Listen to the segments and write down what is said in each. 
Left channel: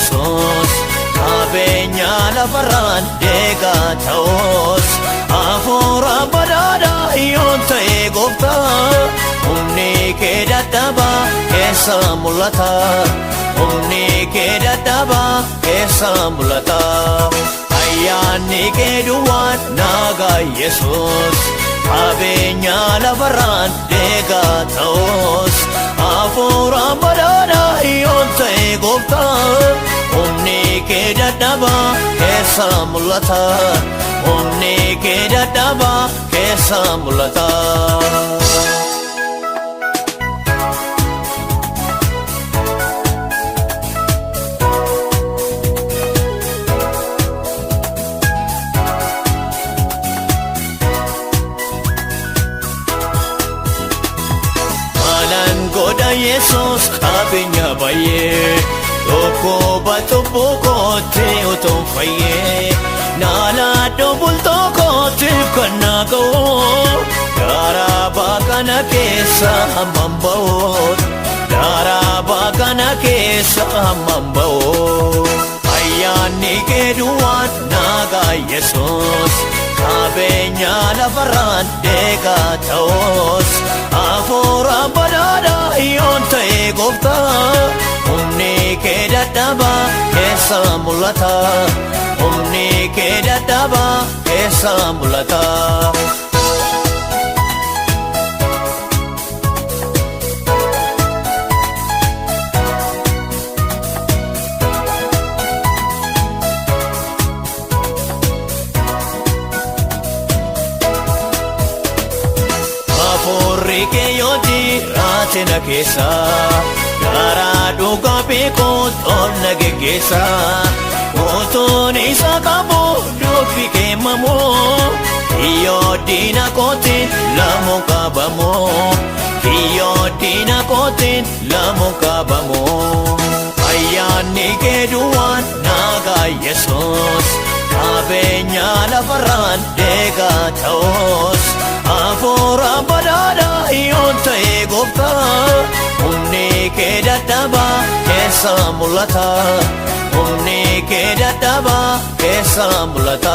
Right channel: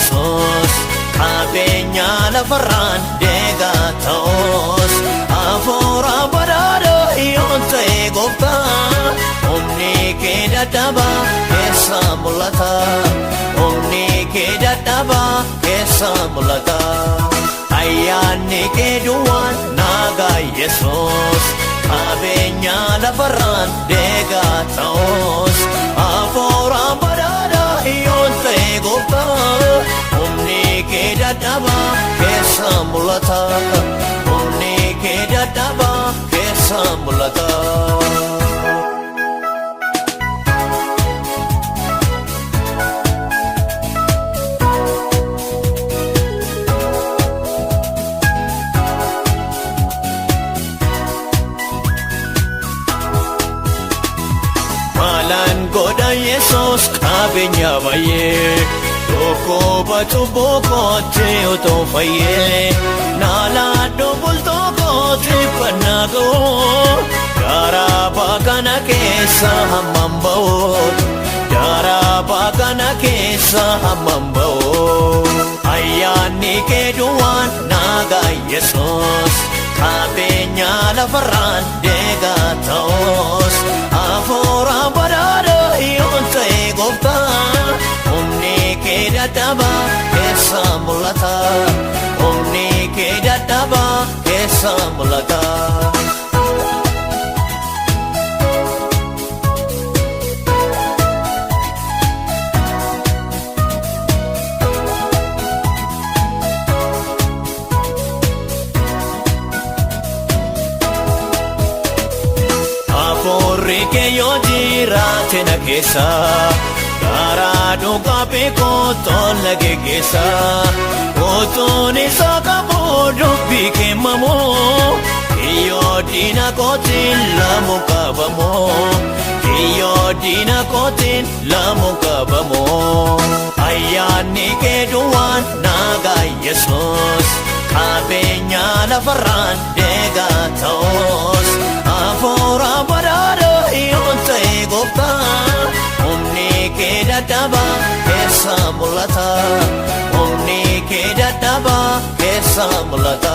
Yesuus qabeenya lafarraan deegaa ta'us hafuura badhaadhaa yoon ta'e gooftaa humni kee dadhabaa keessa mul'ata humni kee dadhabaa keessa mul'ata ayyaanni kee duwwaan nagaa Yesuus qabeenya lafarraan deegaa ta'us hafuura badhaadhaa yoon ta'e gooftaa humni kee dadhabaa keessa mul'ata humni kee dadhabaa keessa mul'ata. Yesuus qabeenya baay'ee tokkoo baatuuboo kootee otoo fayyee naannoo bultoo kootee kan naagoo garaa baakana keessa hammam ba'oo garaa baakana keessa hammam ba'oo ayyaanni kee duwwaan nagaa Yesuus qabeenya lafarraan deegaa ta'us hafuura badhaadhaa yoon ta'e gooftaa humni kee dadhabaa keessa mul'ata humni kee dadhabaa keessa mul'ata. Na keessa garaa dhugaa beekoo tolna geessa otoon isa qaboo doobii keemamoo kiyyoo diina kootiin lamu qabamoo kiyyoo diina kootiin lamu qabamoo ayyaanni kee duwwaan nagaa Yesuus qabeenya lafarraan deegaa ta'us hafuura badhaadhaa yoon ta'e gooftaa humni kee dadhabaa keessa mul'ata humni kee dadhabaa keessa mul'ata.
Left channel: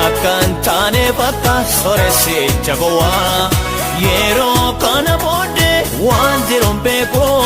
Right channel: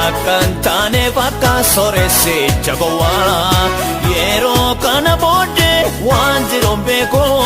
Akkan taane bakka sooressi gowwaa yeroo kana booddee waan jiru beekoo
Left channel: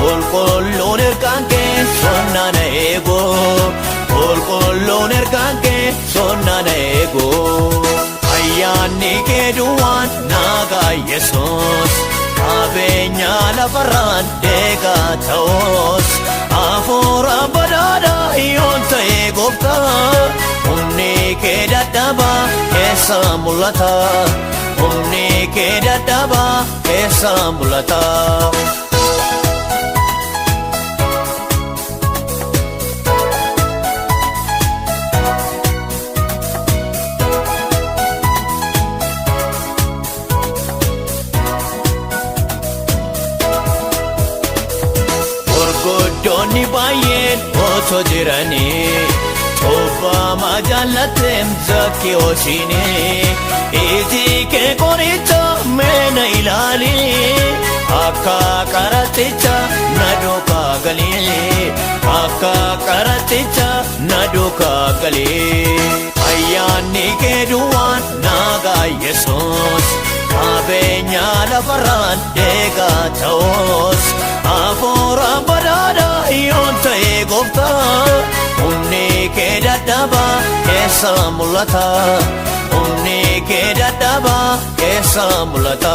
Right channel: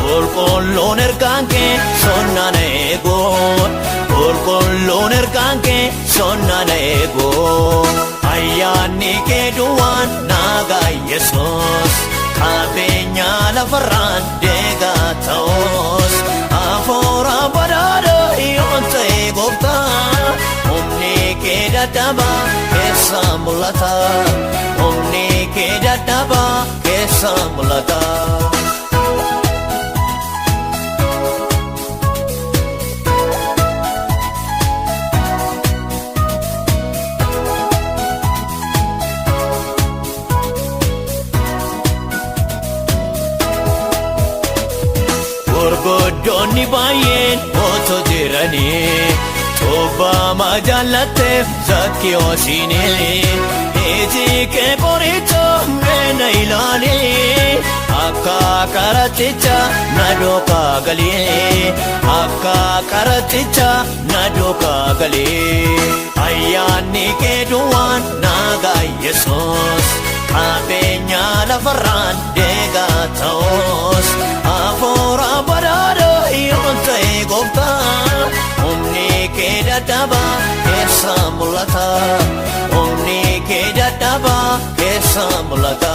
qulqulluun ergaan kee sonnana eegoo qulqulluun ergaan kee sonnana eegoo ayyaanni kee duwwaan nagaa Yesuus qabeenya lafarraan deegaa ta'us hafuura badhaadhaa yoon ta'e gooftaa humni kee dadhabaa keessa mul'ata humni kee dadhabaa keessa mul'ata. Gurguddoonni baay'een otoo jiranii Obama jalatem zakiosine eti ke borita mena ilali akka karaticha nadoka gali akka karaticha nadoka gali ayyaanni kee duwwaan nagaa Yesuus qabeenya lafarraan deegaa ta'us hafuura badhaadhaa yoon ta'e gooftaa humni kee dadhabaa keessa mul'ata humni kee dadhabaa keessa mul'ata.